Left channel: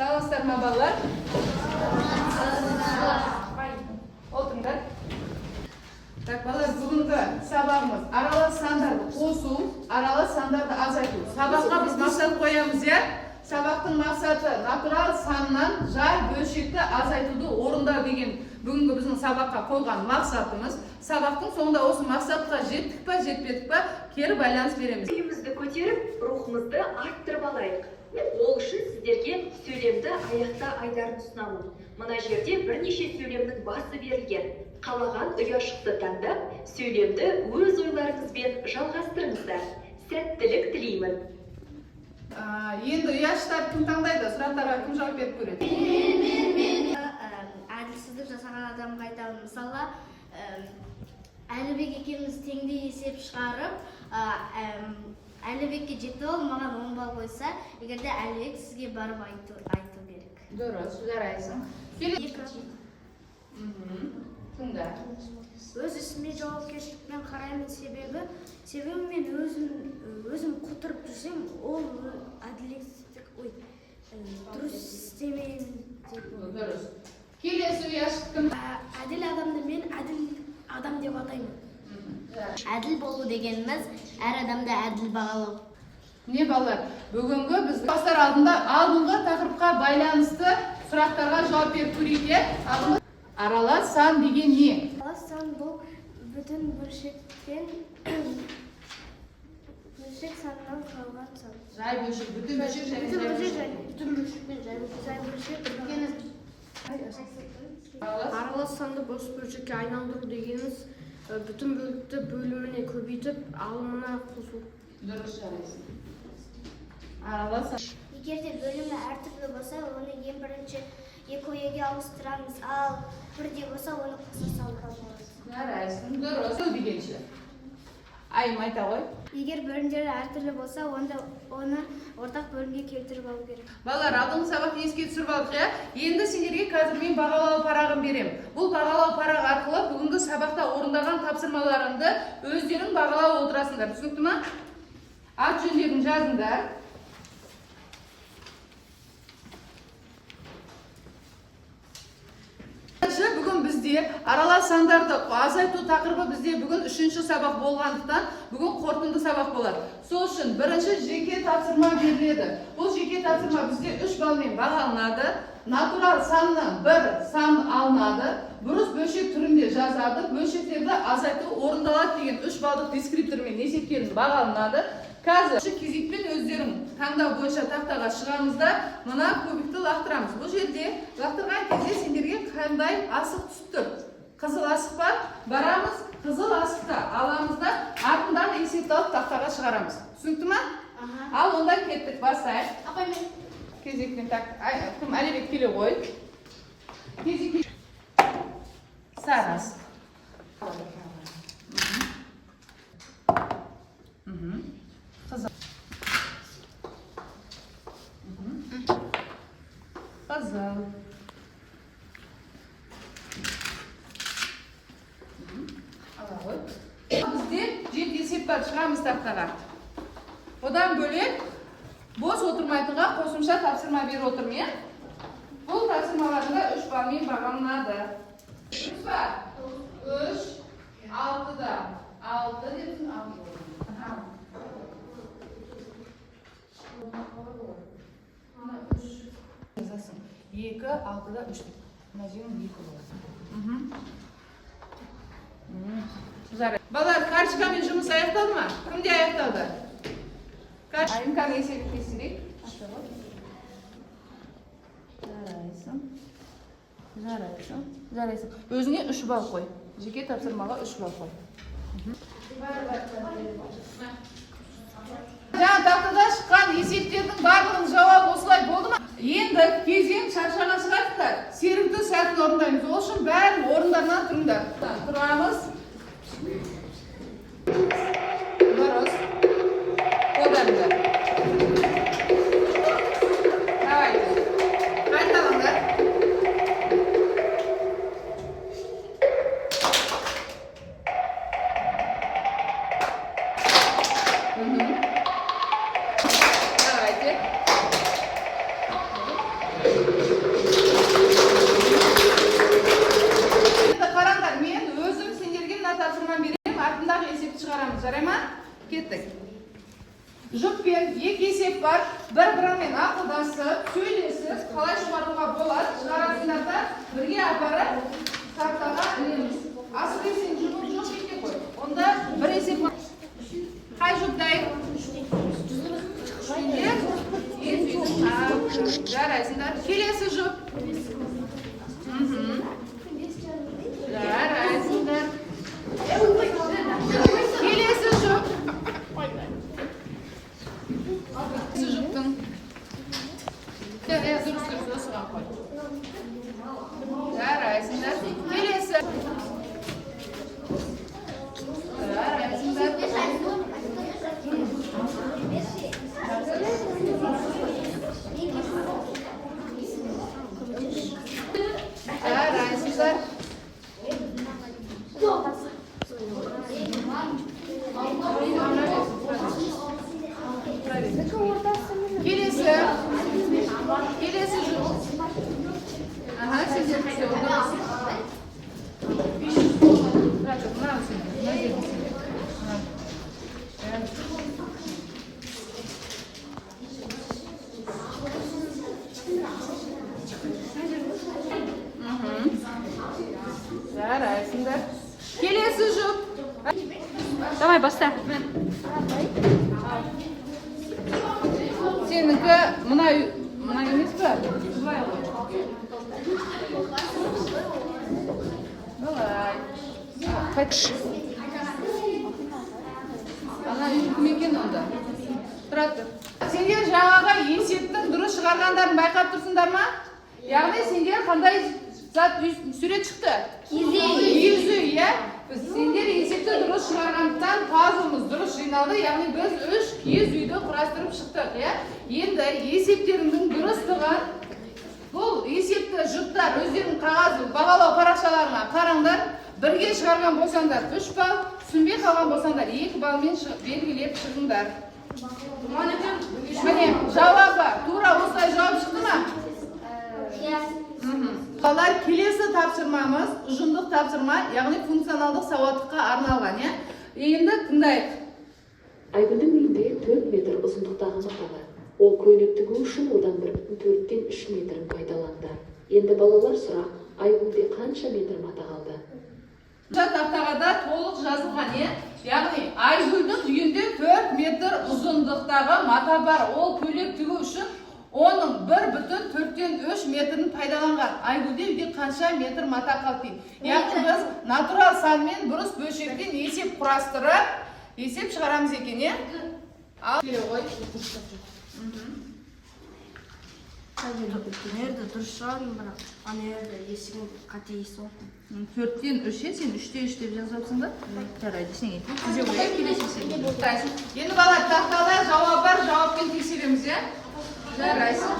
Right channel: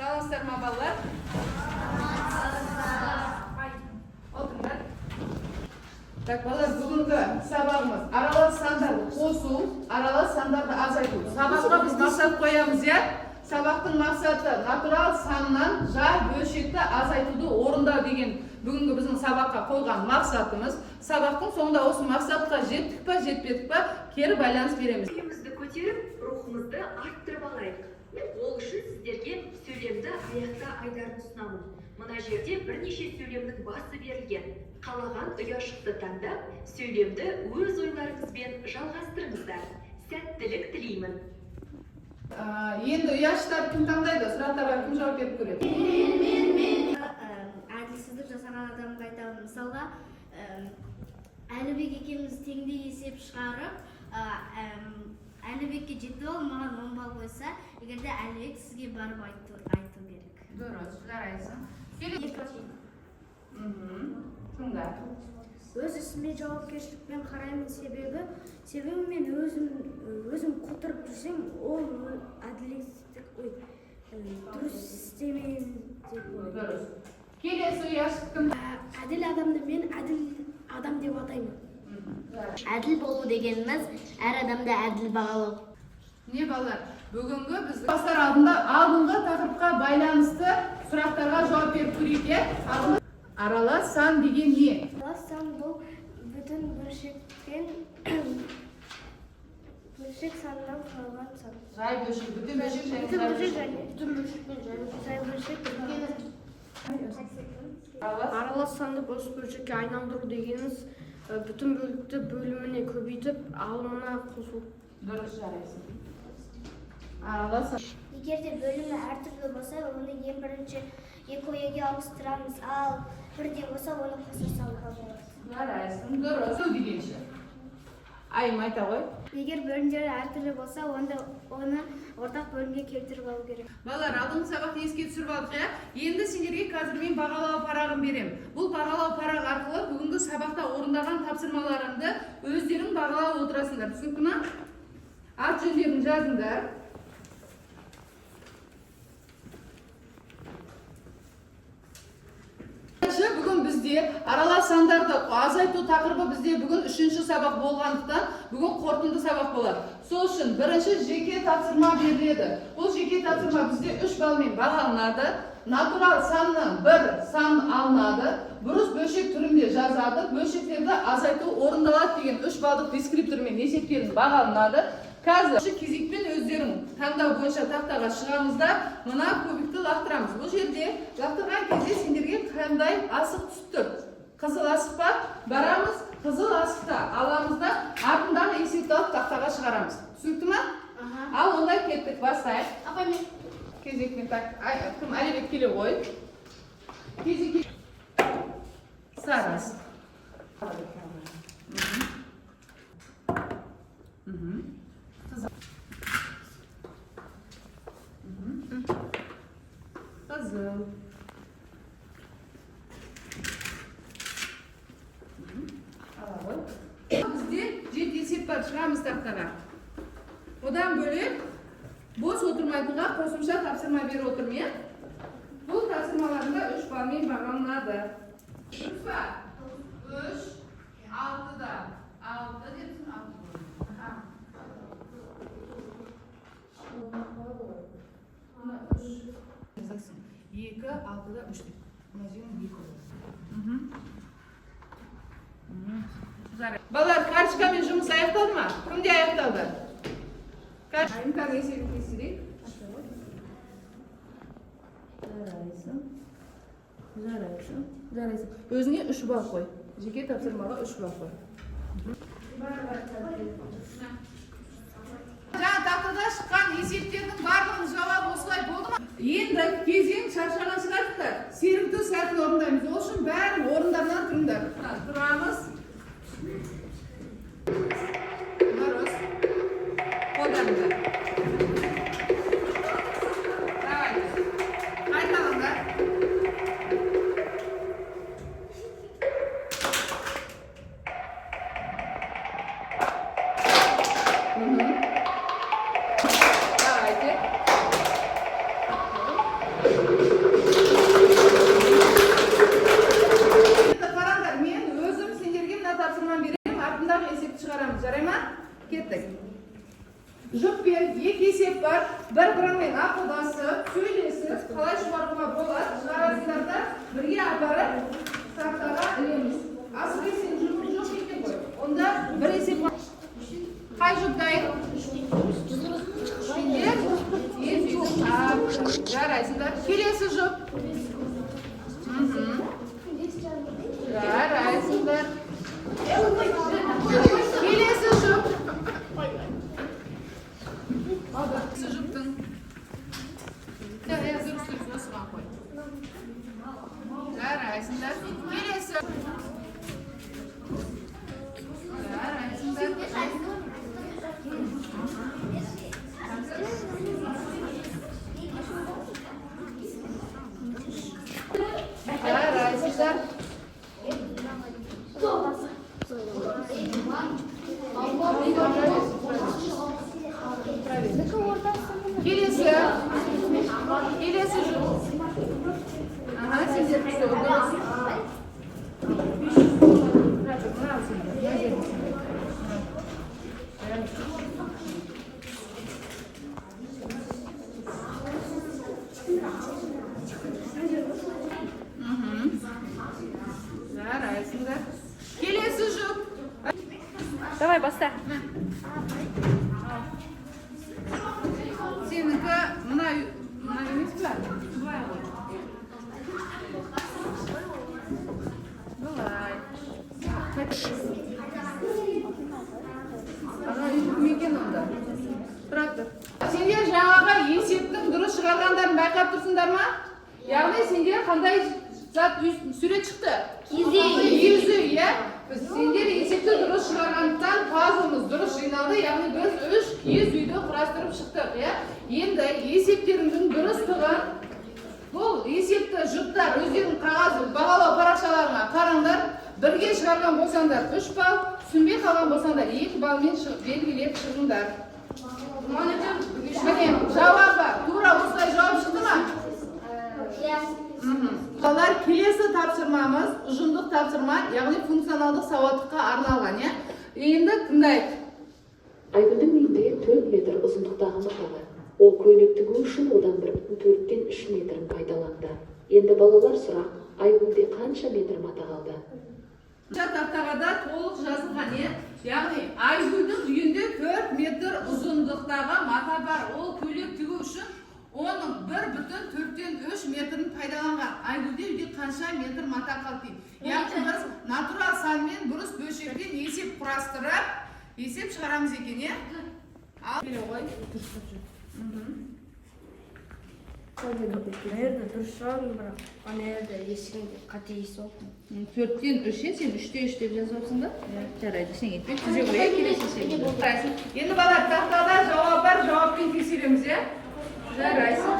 Sağ mı ballar? Oturun. Так, балалар, бүгінгі сабағымыз аралас сандарды қосу, аралас сандарды азайту. Сабаққа біз мақсат қоямыз, я? Сабақтың мақсаты натурал саннан жай бөлшекті азайтуды орындау деген бүгінгі біздің сабаққа қойған мақсатымыз. Сабақтың соңында осы мақсатқа жеттік па, жетпедік па, кері байланыс береміз. Үйімізді көтеріп, рухымызды арттырып алайық. Ол үшін сіздерге сөйлемді аяқта айдарын ұсынамын. Мына жерде бірнеше сөйлемнің басы берілген. Қалаған ұяшықты таңдап, сөйлемді өз ойларыңызбен жалғастырыңыздар. Сәттілік тілеймін. Енді ұяшықтарды кім таңдайды? Сұрақтарға кім жауап беріп көреді? Мен әділсіздік жасаған адамға айтамын. Мысалға, Әлібек екеуміз теңдей есеп шығарып, Әлібекке жетті ол маған 10 балл қойса, егерде Әлібек сізге барып айту керек. Дұрыс, жарайсың. Өз ісіме жауапкершілікпен қараймын, себебі мен өзім құтырып жүрсем, ол әділетсіздік, дұрыс істемейін деп ойлаймын. Дұрыс. Келесі ұяшық кім? Әділ адамды мен әділ адам деп атаймын. Әділ болу дегеніміз әр адамды әділ бағалау. Не балалар? Бүгінгі біз бастар алдыңғы тақырыпқа байланысты сұрақтарға жауап беріп көрейік. Аралас сан деген не? Аралас сан бұл бүтін бөлшектен бөлшек санынан қалған сан. Жай бөлшек, бүтін бөлшек және жай бөлшек. Аралас санды бос бөлшекке айналдыру дегеніміз бүтін бөлікті бөліміне көбейтіп, алымына қосу. Дұрыс, жарайсың. Аралас сан. Егерде бөлімі әртүрлі болса, оны ең бірінші екі ауыстырамыз, ал бірде болса, оны қоса салуға болады. Жарайсың, дұрыс. Дегенше. Айым айта ғой. Егер бөлімдері әртүрлі болса, онда оны ортақ бөлімге келтіріп алу керек. Балалар, алдыңғы сабақты еске түсіріп алдық, я? Енді сендерге қазір мен бағалау парағын берем. Бұл бағалау парағы арқылы бүгінгі сабақта орындаған тапсырмаларыңды өздерің бағалап отырасыңдар. Түсінікті ме? Ат жөндерін жазыңдар. Бүгін бізде аралас сандарды азайту тақырыбы бізде бүгін 3-ші сабақ болғандықтан бүгін қорытынды сабақ болады. Сол үшін бірінші жеке тапсырма беріледі. Бұл жеке тапсырма бізде 3 балмен бағаланады. Натурал саннан бір сан алынады. Бұрыс бөлшек түрінде жазады. Бөлшектерді азайту орындалады деген 3 балдық дескриптормен есептелініп бағаланады. Қазір кезекпен өздерің таңдау бойынша тақтаға шығамызда, мына көбікті лақтырамыз. Бұл жерде лақтырған кезде сендерге қандай асық түсіп тұр? Қызыл асық па? Барамыз, қызыл асықта аламыз да, артындағы есепті алып тақтаға шығарамыз. Түсінікті ме? Ал онда кеттік, бастайық. Кезекпен кім Әлібек келе ғой. Кезекпен сары асық. Қызыл. Бізде 7 есеп бар, шығамыз тақтаға. Одан бөлек бос отырмайтынға қосымша тапсырма беріп отырмын. Бұл тапсырмаларында 3 балмен бағаланады. 3 ба? 3, 6-да. 6 депсің, 2, 6-да 3 деп. Мына жерің 2 болады. Балалар, карточкамен жұмыс аяқталды ма? Кімде аяқталды? Айымканы есебін кесірейік. Жарайсың. Өзіне 3 балл қой. Жеке тапсырмаға 3 балл қой. Жаңа тақтада шыққан есептердің барлығының жауабы осылай болды ма? Енді кезең шаршаған шығарсыздар. Серікті сәтін орындаймыз. Ол үшін бәрін орындарынан тұрыңдар. Тұрамыз. Дұрыс. Қолдарыңдар. Давайте. Қайталаңдар. Давайте. Қараңдар, мен өзім сендерге мына тапсырманы беремін, артындағы есепті шығарамыз, жарай ма? Кеттік. Жұппен екі есеп бар, бір-бірімен ақылдасып, сөйлесіп, қалай шығаруға болады, шығарасыңдар да бірге апарып тақтаға ілеміз. Асыл сен жұпын жоқ екен ғой. Онда бір есеп бар. Қай жұп дайын? Сендер езудің жарайсыңдар. Келесі жұп. Жарайсыңдар. Келесі жұп. Жұптың. Дұрыс осыған қой. Жарайсыңдар. Келесі. Жарайсыңдар. Жарайсыңдар. Келесі. Келесі жұп. Ага, сендер все, дұрыс. Жарайсыңдар. Келесі жұп. Давай, баста. Сенікі мына емес пе? Былай ғой. Былай. Қайтшы. Ана үйкім екен онда. Тұрады. Сендер жаңаға есептің дұрыс шығарғандарын байқап тұрсыңдар ма? Яғни сендер қандай зат сурет шықты? Киіз үй, иә? Сендер есепті дұрыс шығарғандықтан пазлымыз дұрыс жиналды, яғни біз 3 киіз үйді құрастырып шықтық, иә? Енді есептеріңнің дұрыстығы, бұл есепті жұптар өздерінің қағаз бағалау парақшаларына қараңдар, бірге шығарған болсаңдар 3 балл, түсінбей қалған болсаңдар 2 баллмен белгілеп шығыңдар. Міне, жауабы тура осылай жауап шықты ма? Балалар, келесі тапсырмамыз ұжымдық тапсырма, яғни функционалдық сауаттылыққа арналған, иә? Енді тыңдайық. Айгүлдің үйінде 4 метр ұзындықтағы мата бар. Ол көйлек тігу үшін одан 1,4-тен 3 метрін пайдаланды. Енді балалар сұрақ, Айгүлде қанша метр мата қалды? Тақтағада толық жазылған, е? Яғни Айгүлдің үйінде 4 метр ұзындықтағы мата бар. Ол көйлек тігу үшін оның 1,4-тен 3 метрін пайдаланған. Айгүлде үйде қанша метр мата қалды? Яғни біз натурал санмен бұрыс бөлшектен есеп құрастырып, есеп шығарамыз екен, е? Ал, келе ғой. Nerede duruşan bırak. Nerede есігінде қатейсің. 4-тен 3-е, сен 3-те 3 деп жазапсың да? Жарайды, сен етпек. Тізе қойып келесі есебі. Енді бала, тақтада жауап бар, жауаппен тексереміз, е? Жарайсың.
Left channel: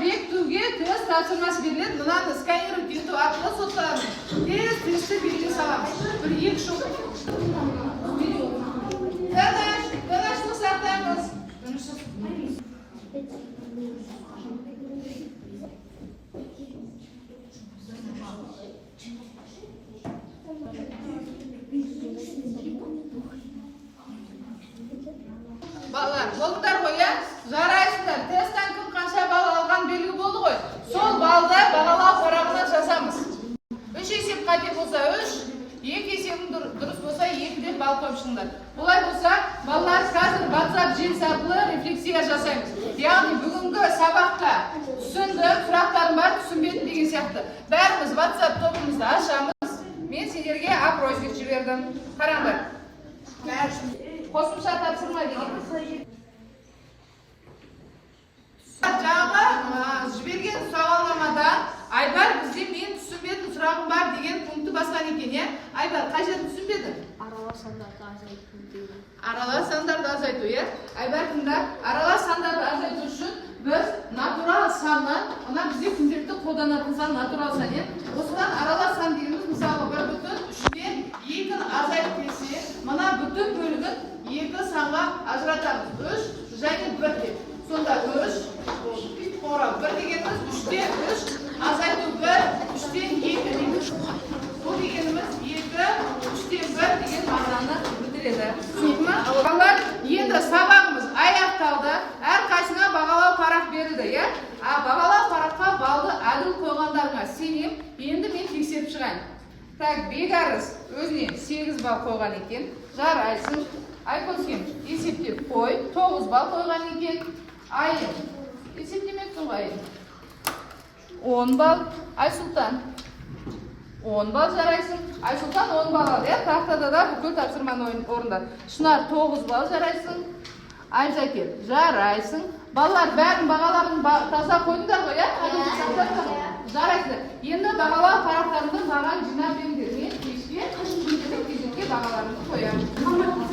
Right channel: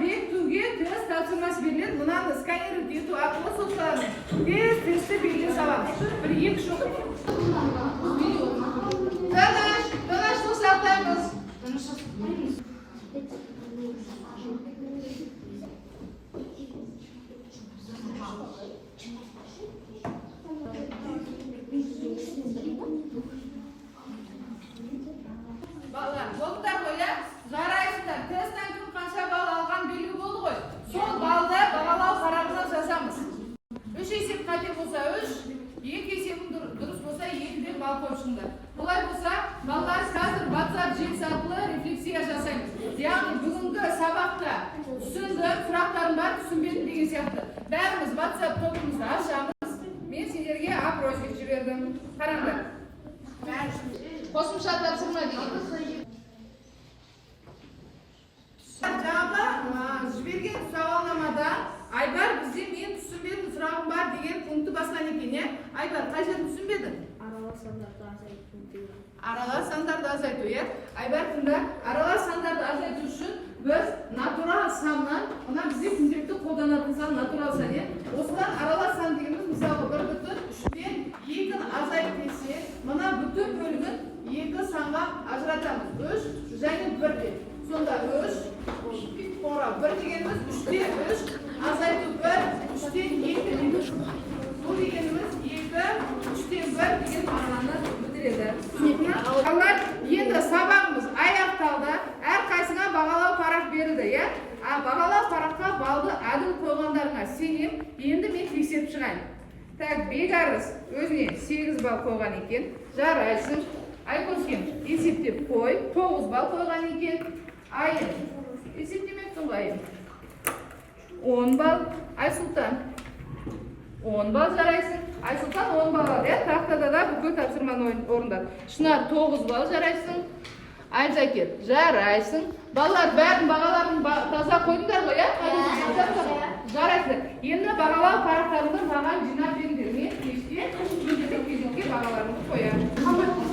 Бекітуге тест тапсырмасы беріледі. Мынаны сканировать ету арқылы соттарымыз. Тесті белгі саламыз. 1-2 шоқ. Дадаш соқсақтаймыз. Балалар, болдыңдар ғой, иә? Жарайсыңдар. Тесттен кім қанша балл алған белгі болды ғой. Сол балды бағалау парағына жазамыз. 3 есеп қате болса 3, 2 есебің дұрыс болса 2-ден балл топшыңдар. Бұлай болса, балалар қазір WhatsApp желісі арқылы рефлексия жасаймыз. Яғни бүгінгі сабақта түсінді, сұрақтарым бар, түсінбедім деген сияқты. Бәріміз WhatsApp тобымызды ашамыз. Мен сендерге опросник жібердім. Қараңдар. Қосымша тапсырма дегеніміз. Жаңағы жіберген сауалнамадан Айбар бізде мен түсінбедім, сұрағым бар деген пункті басқан екен, е? Айбар, қай жерін түсінбедің? Аралас сандарды азайту дейді. Аралас сандарды азайту, е? Айбар, тыңда, аралас сандарды азайту үшін біз натурал саннан, мына бізде күнделікті қолданатын сан натурал сан, е? Осыдан аралас сан дегеніміз, мысалы, 1,3-тен 2-ні азайтып десе, мына бүтін бөлігін 2 санға ажыратамыз. 3 және 1 деп. сонда 3, қорау. 1 дегеніміз 3-те 3, азайту 1, 3-те 2 дейміз. Бұл дегеніміз 2, 3-те 1 деген мағынаны білдіреді. Түсінікті ме? Балалар, енді сабағымыз аяқталды. Әрқайсыңа бағалау парақ берілді, иә? Бағалау параққа балды әділ қойғандарыңа сенем. Енді мен тексеріп шығайын. Так, Бекарыс өзіне 8 балл қойған екен. Жарайсың. Айкөзген есептеп қой. 9 балл қойған екен. Айын. Есептемектің айын. 10 балл. Айсұлтан. 10 балл жарайсың. Айсұлтан 10 балл алды. Тақтада да бүкіл тапсырманы орындады. Шынар 9 балл жарайсың. Айзакер жарайсың. Балалар бәрін бағаларын таза қойдыңдар ғой, жарайсың. Енді бағалау парақтарында маған жинап беріңдер. Мен кешке кезекке бағаларымды қоямын.